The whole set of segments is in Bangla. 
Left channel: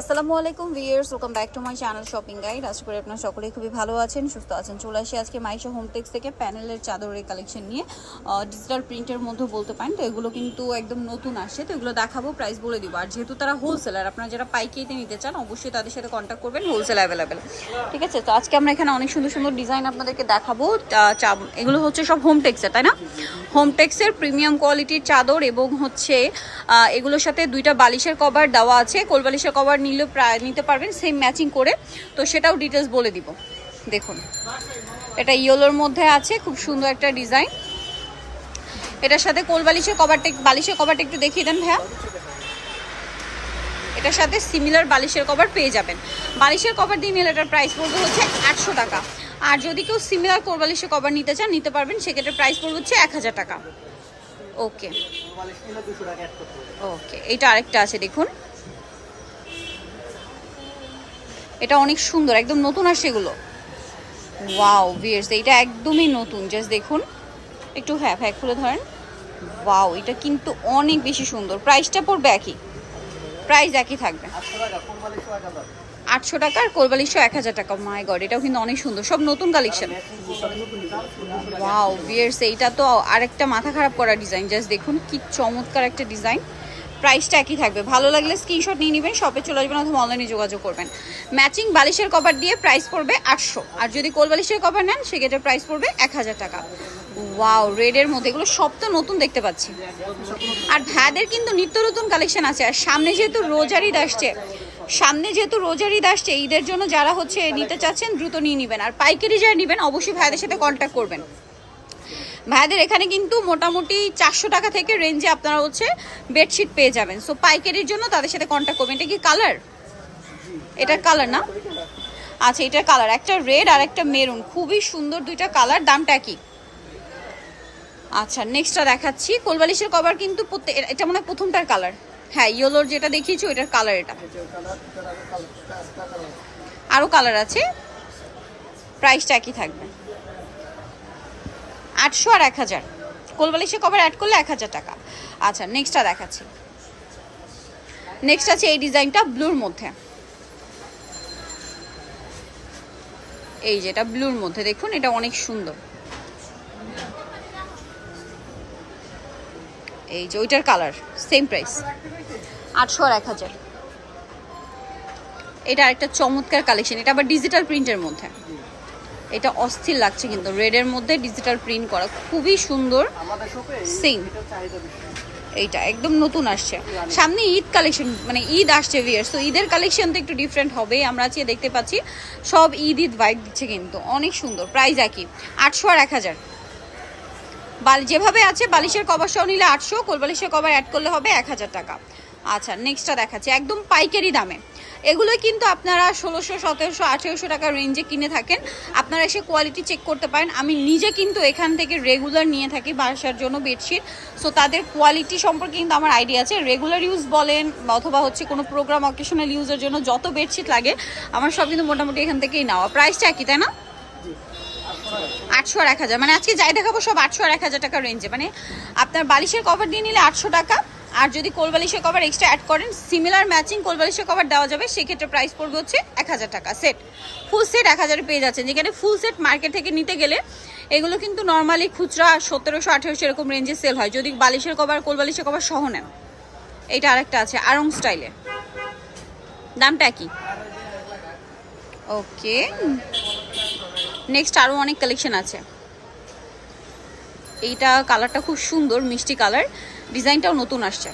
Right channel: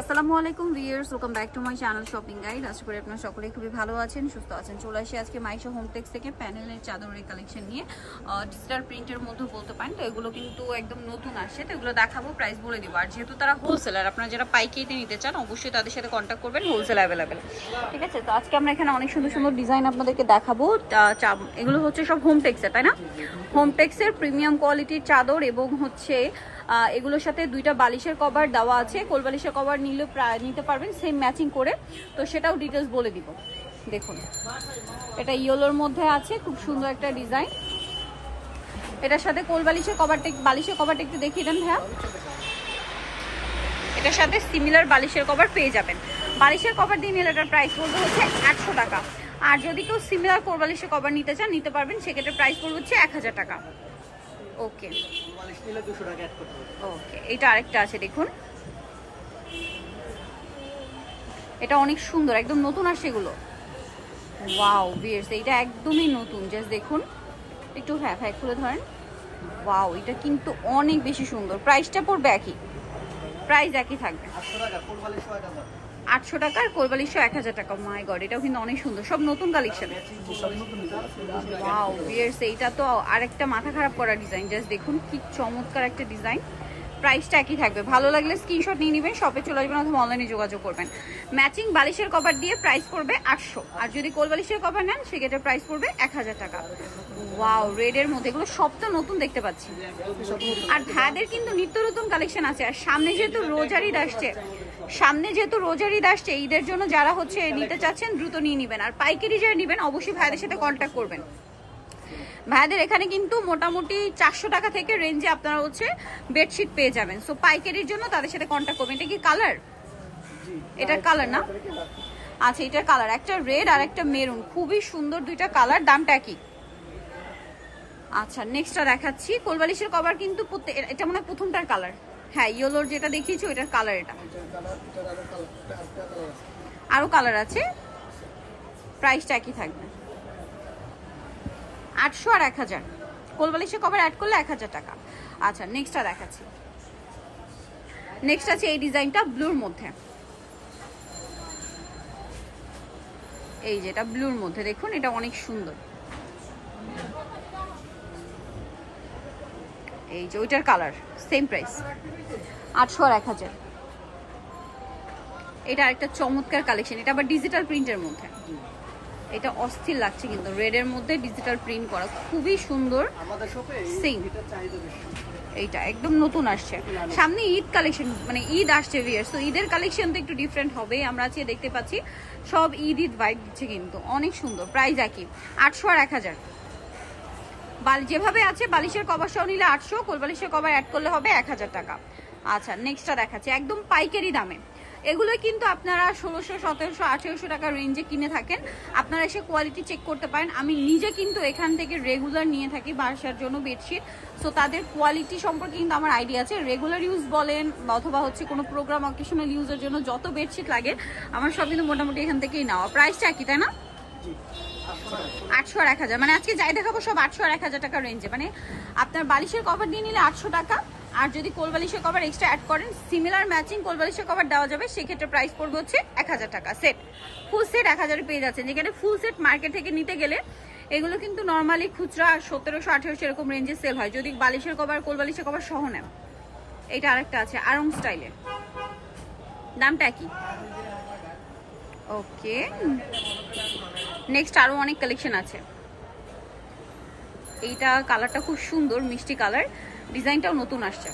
আসসালামু আলাইকুম viewers, welcome back to my channel shopping guide. আশা করি আপনারা সকলেই খুবই ভালো আছেন, সুস্থ আছেন। চলে আসি আজকে মাইশো হোমটেক্স থেকে প্যানেলের চাদরের কালেকশন নিয়ে, ডিজিটাল প্রিন্টের মধ্যে বলতে পারেন। তো এগুলো কিন্তু একদম নতুন আসছে, তো এগুলো দেখাবো, প্রাইস বলে দিব। আর যেহেতু তারা হোলসেলার, আপনারা যারা পাইকারিতে নিতে চান অবশ্যই তাদের সাথে কন্ট্যাক্ট করবেন, হোলসেল অ্যাভেলেবেল। ঠিক আছে, তো আজকে আমরা এখানে অনেক সুন্দর সুন্দর ডিজাইন আপনাদেরকে দেখাবো। এগুলো হচ্ছে সব হোমটেক্সের, তাই না? হোমটেক্সের প্রিমিয়াম কোয়ালিটির চাদর, এবং হচ্ছে এগুলোর সাথে দুইটা বালিশের কভার দেওয়া আছে। কোল বালিশের কভার নিলেও প্রায় নিতে পারবেন সেম ম্যাচিং করে, তো সেটাও ডিটেলস বলে দিব। দেখুন, এটা ইয়েলোর মধ্যে আছে, খুব সুন্দর একটা ডিজাইন। এটার সাথে কোল বালিশের কভারটা একটু দেখিয়ে দেন ভাইয়া। এটার সাথে সিমিলার বালিশের কভার পেয়ে যাবেন। বালিশের কভার দিয়ে নিলে এটার প্রাইস পড়বে হচ্ছে 800 টাকা। আর যদি কেউ সিমিলার কোল বালিশের কভার নিতে চান নিতে পারবেন, সেক্ষেত্রে প্রাইস পড়বে হচ্ছে 1000 টাকা। ওকে ওকে, এটা আরেকটা আছে, দেখুন এটা অনেক সুন্দর, একদম নতুন আসছে এগুলো। ওয়াও ভিউয়ার্স, এটা একদমই নতুন, জাস্ট দেখুন একটু। হ্যাঁ খুলে ধরেন। ওয়াও, এটা কিন্তু অনেক বেশি সুন্দর। প্রাইসটা পড়বে একই, প্রাইস একই থাকবে 800 টাকা, আর কোলবালিশও 1000 টাকা। মাই গড, এটাও কিন্তু অনেক সুন্দর, সব নতুন কালেকশন। ওয়াও ভিউয়ার্স, এইটা তো আরেকটা মাথা খারাপ করা ডিজাইন, জাস্ট দেখুন কি চমৎকার একটা ডিজাইন। প্রাইসটা একই থাকবে, ভালো লাগলে স্ক্রিনশট নিয়ে নেবেন, শপে চলে আসবেন অথবা অনলাইনে যোগাযোগ করবেন। ম্যাচিং বালিশের কভার দিয়ে প্রাইস পড়বে 800, আর যদি কোল বালিশের কভার নেন সেক্ষেত্রে প্রাইস পড়বে 1000 টাকা। ওয়াও, রেডের মধ্যে এগুলো সব তো নতুন দেখতে পাচ্ছি। আর ভাইদের কিন্তু নিত্য নতুন কালেকশন আছে। আর সামনে যেহেতু রোজার ঈদ আসছে, ঈদের জন্য যারা হচ্ছে নিতে চাচ্ছেন দ্রুত নিয়ে নেবেন। আর পাইকারি যারা নেবেন অবশ্যই ভাইদের সাথে কন্ট্যাক্ট করবেন। ভাইদের এখানে কিন্তু মোটামুটি 400 টাকা থেকে রেঞ্জে আপনারা হচ্ছে বেডশিট পেয়ে যাবেন। সো পাইকারির জন্য তাদের সাথে কন্ট্যাক্ট করবেন। এটা কি কালার? এটার কালার না? আচ্ছা, এটার কালার একটা রেড আর একটা মেরুন, খুবই সুন্দর দুইটা কালার। দামটা কি? আচ্ছা, নেক্সটটা দেখাচ্ছি। কোলবালিশের কভার কিন্তু এটা মনে হয় প্রথমটার কালার। হ্যাঁ, ইয়েলোর যেটা দেখিয়েছি ওইটার কালার। এটা আরও কালার আছে, প্রাইসটা একই থাকবে 800 আর 1000। কোলবালিশের কভার অ্যাড করলে 1000 টাকা। আচ্ছা, নেক্সটটা দেখাচ্ছি। নেক্সট আছে এই ডিজাইনটা ব্লুর মধ্যে, এই যেটা ব্লুর মধ্যে দেখুন, এটা অনেক সুন্দর। এই যে ওইটার কালার, সেম প্রাইস 800 আর 1000। এটা আরেকটা চমৎকার কালেকশন, এটা আবার ডিজিটাল প্রিন্টের মধ্যে। এটা অস্থির লাগছে কিন্তু, রেডের মধ্যে ডিজিটাল প্রিন্ট করা, খুবই সুন্দর। সেম, এইটা একদম নতুন আসছে। সামনে ঈদ কালেকশন, মানে ঈদ আসছে ভিউয়ার্স, তো ঈদের কালেকশন তো একটু ডিফারেন্ট হবে। আমরা আজকে দেখতে পাচ্ছি সব ঈদ ভাইব দিচ্ছে, কিন্তু অনেক সুন্দর। প্রাইস একই 800 আর 1000। যেভাবে আছে বালিশের কভার সহ নিলে 800, কোল বালিশের কভার অ্যাড করলে হবে 1000 টাকা। আচ্ছা, নেক্সটটা দেখাচ্ছি একদম পাইকারি দামে। এগুলো কিন্তু আপনারা 1600, 1700, 1800 টাকা রেঞ্জে কিনে থাকেন। আপনারা এসে কোয়ালিটি চেক করতে পারেন। আমি নিজে কিন্তু এখান থেকে রেগুলার নিয়ে থাকি বাসার জন্য বেডশিট, সো তাদের কোয়ালিটি সম্পর্কে কিন্তু আমার আইডিয়া আছে। রেগুলার ইউজ বলেন অথবা হচ্ছে কোনো প্রোগ্রাম অকেশনাল ইউজের জন্য যত বেডশিট লাগে আমার সব কিন্তু মোটামুটি এখান থেকেই নেওয়া। প্রাইসটা একই, তাই না? 800 আর 1000, মানে আজকে যাই দেখাবো সব 800 আর 1000 টাকা রেঞ্জে। মানে আপনার বালিশের কভার দিয়ে নিলে 800 টাকা, আর যদি কোল বালিশের কভার এক্সট্রা অ্যাড করেন, সিমিলার ম্যাচিং কোল বালিশের কভার দেওয়া যাবে, সেক্ষেত্রে প্রাইস পড়বে হচ্ছে 1000 টাকা। সেট, ফুল সেট 1000 পেয়ে যাচ্ছেন, যেখানে ফুল সেট মার্কেট থেকে নিতে গেলে এগুলো কিন্তু নর্মালি খুচরা 1700, 1800 এরকম রেঞ্জে সেল হয় যদি বালিশের কভার কোল বালিশের কভার সহ নেন। এইটা আরেকটা আছে আরং স্টাইলে, দামটা কি? ওকে, নেক্সট আরও অনেক কালেকশন আছে। এইটা কালারটা খুব সুন্দর, মিষ্টি কালার, ডিজাইনটাও নতুন আসছে।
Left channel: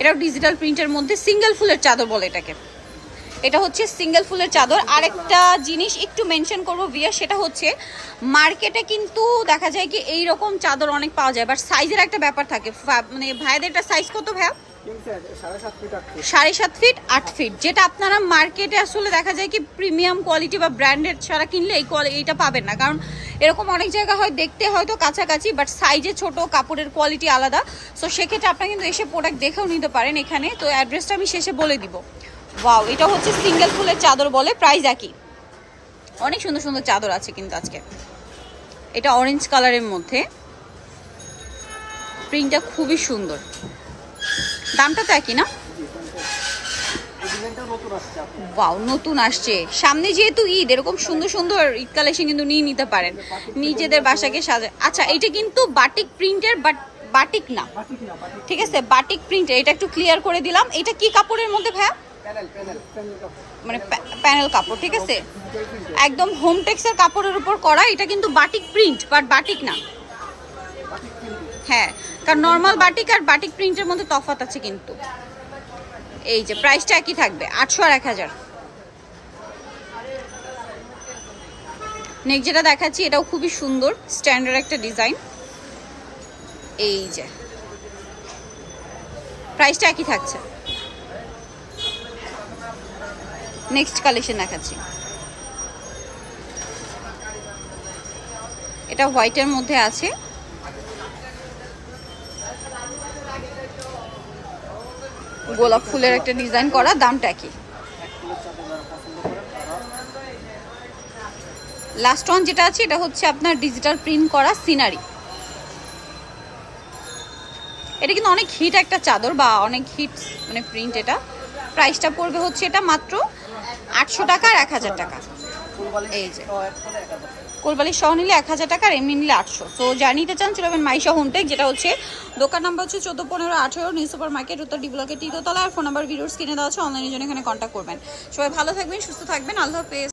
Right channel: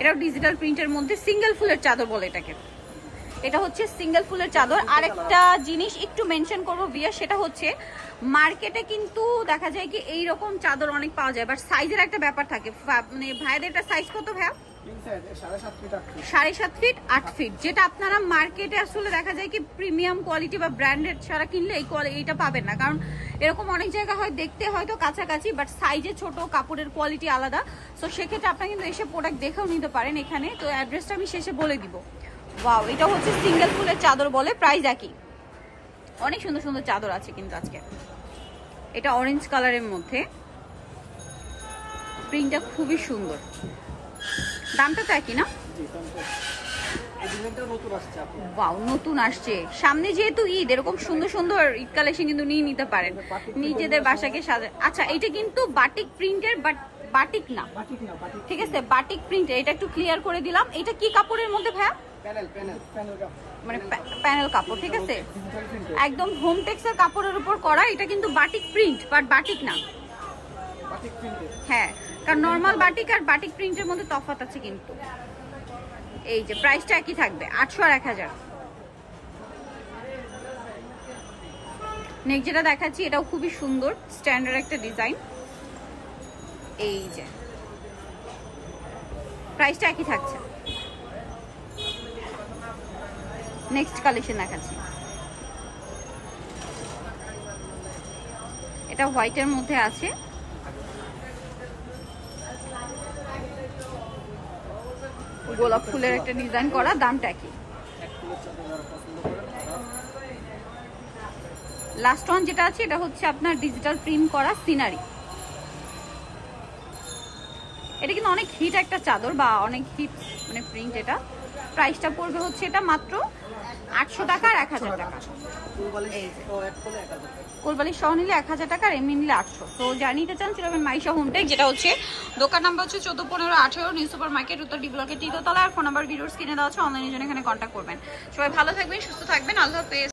এটাও ডিজিটাল প্রিন্টের মধ্যে, সিঙ্গেল ফুলের চাদর বলে এটাকে। এটা হচ্ছে সিঙ্গেল ফুলের চাদর। আরেকটা জিনিস একটু মেনশন করবো ভিয়া, সেটা হচ্ছে মার্কেটে কিন্তু দেখা যায় কি এইরকম চাদর অনেক পাওয়া যায়, বাট সাইজের একটা ব্যাপার থাকে। মানে ভাইয়াদেরটা সাইজ কত ভাইয়া? 7.5 ফিট 8 ফিট, যেটা আপনারা মার্কেটে আসলে দেখা যায় কি প্রিমিয়াম কোয়ালিটি বা ব্র্যান্ডেড ছাড়া কিনলে এইটা পাবেন না। কারণ এরকম অনেক জায়গা হয় দেখতে হয়তো কাছাকাছি, বাট সাইজে ছোট, কাপড়ের কোয়ালিটি আলাদা। সো সেক্ষেত্রে আপনারা কিন্তু এসে প্রোডাক্ট দেখেও নিতে পারেন এখানে। তো অ্যাড্রেসটা আমি শেষে বলে দিব। ওয়াও, এটা হচ্ছে সিঙ্গেল ফুলের চাদর বলে, প্রাইস একই। অনেক সুন্দর সুন্দর চাদর আছে কিন্তু আজকে। এটা অরেঞ্জ কালারের মধ্যে, প্রিন্টটা খুবই সুন্দর। দামটা তো একই না? ওয়াও, নতুন আসছে সামনে যেহেতু ঈদ, এরকম সুন্দর সুন্দর ঈদ কালেকশন কিন্তু নিয়ে নিতে পারেন নিজেদের বাসাকে সাজায়। আচ্ছা, এটা কিন্তু বাটিক প্রিন্টের, বাট বাটিক না, ঠিক আছে, বাটিক প্রিন্টের। এটা একটু ক্লিয়ার করে দিলাম। এটা কি কাপড়ের মধ্যে ভাইয়া? মানে প্যানেল কাপড়, ঠিক আছে, একদম হোম টেক্সের কাপড়ের উপর করা। এটা কিন্তু বাটিক প্রিন্ট, বাট বাটিক না। হ্যাঁ, কারণ নর্মাল বাটিক আর বাটিক প্রিন্টের মধ্যে তফাৎ আছে কিন্তু। এই যে প্রাইসটা একই থাকবে, 800 আর 1000। নেক্সট যেটা দেখাচ্ছি, এটাও খুবই সুন্দর স্ট্যান্ডার্ড একটা ডিজাইন। এই যে প্রাইসটা একই থাকছে। নেক্সট কালেকশন দেখাচ্ছি, এটা হোয়াইটের মধ্যে আছে। গোলাপ ফুলের একটা ডিজাইন করা, দামটা কি? লাস্ট ওয়ান যেটা আছে, এটা হচ্ছে আপনার ডিজিটাল প্রিন্ট করা সিনারি। এটা কিন্তু অনেক হিট একটা চাদর বা অনেক হিট মানে প্রিন্ট। এটা প্রাইসটা পড়বে হচ্ছে এটা মাত্র 800 টাকা আর 1000 টাকা। এই যে কোলবালি সহ নিলে 1000 টাকা আর এমনি নিলে 800। তো যা নিতে চান চলে যাবেন মাইশা হোমটেক, যেটা হচ্ছে দোকান নাম্বার হচ্ছে 141518 নিউ সুপার মার্কেট, উত্তর ডি ব্লকের 3য় তলা। আর ফোন নাম্বার ভিডিওস কিনে দেওয়া আছে, অনলাইনের জন্য এখানে কন্ট্যাক্ট করবেন। সবাই ভালো থাকবেন, সুস্থ থাকবেন, আল্লাহ হাফেজ।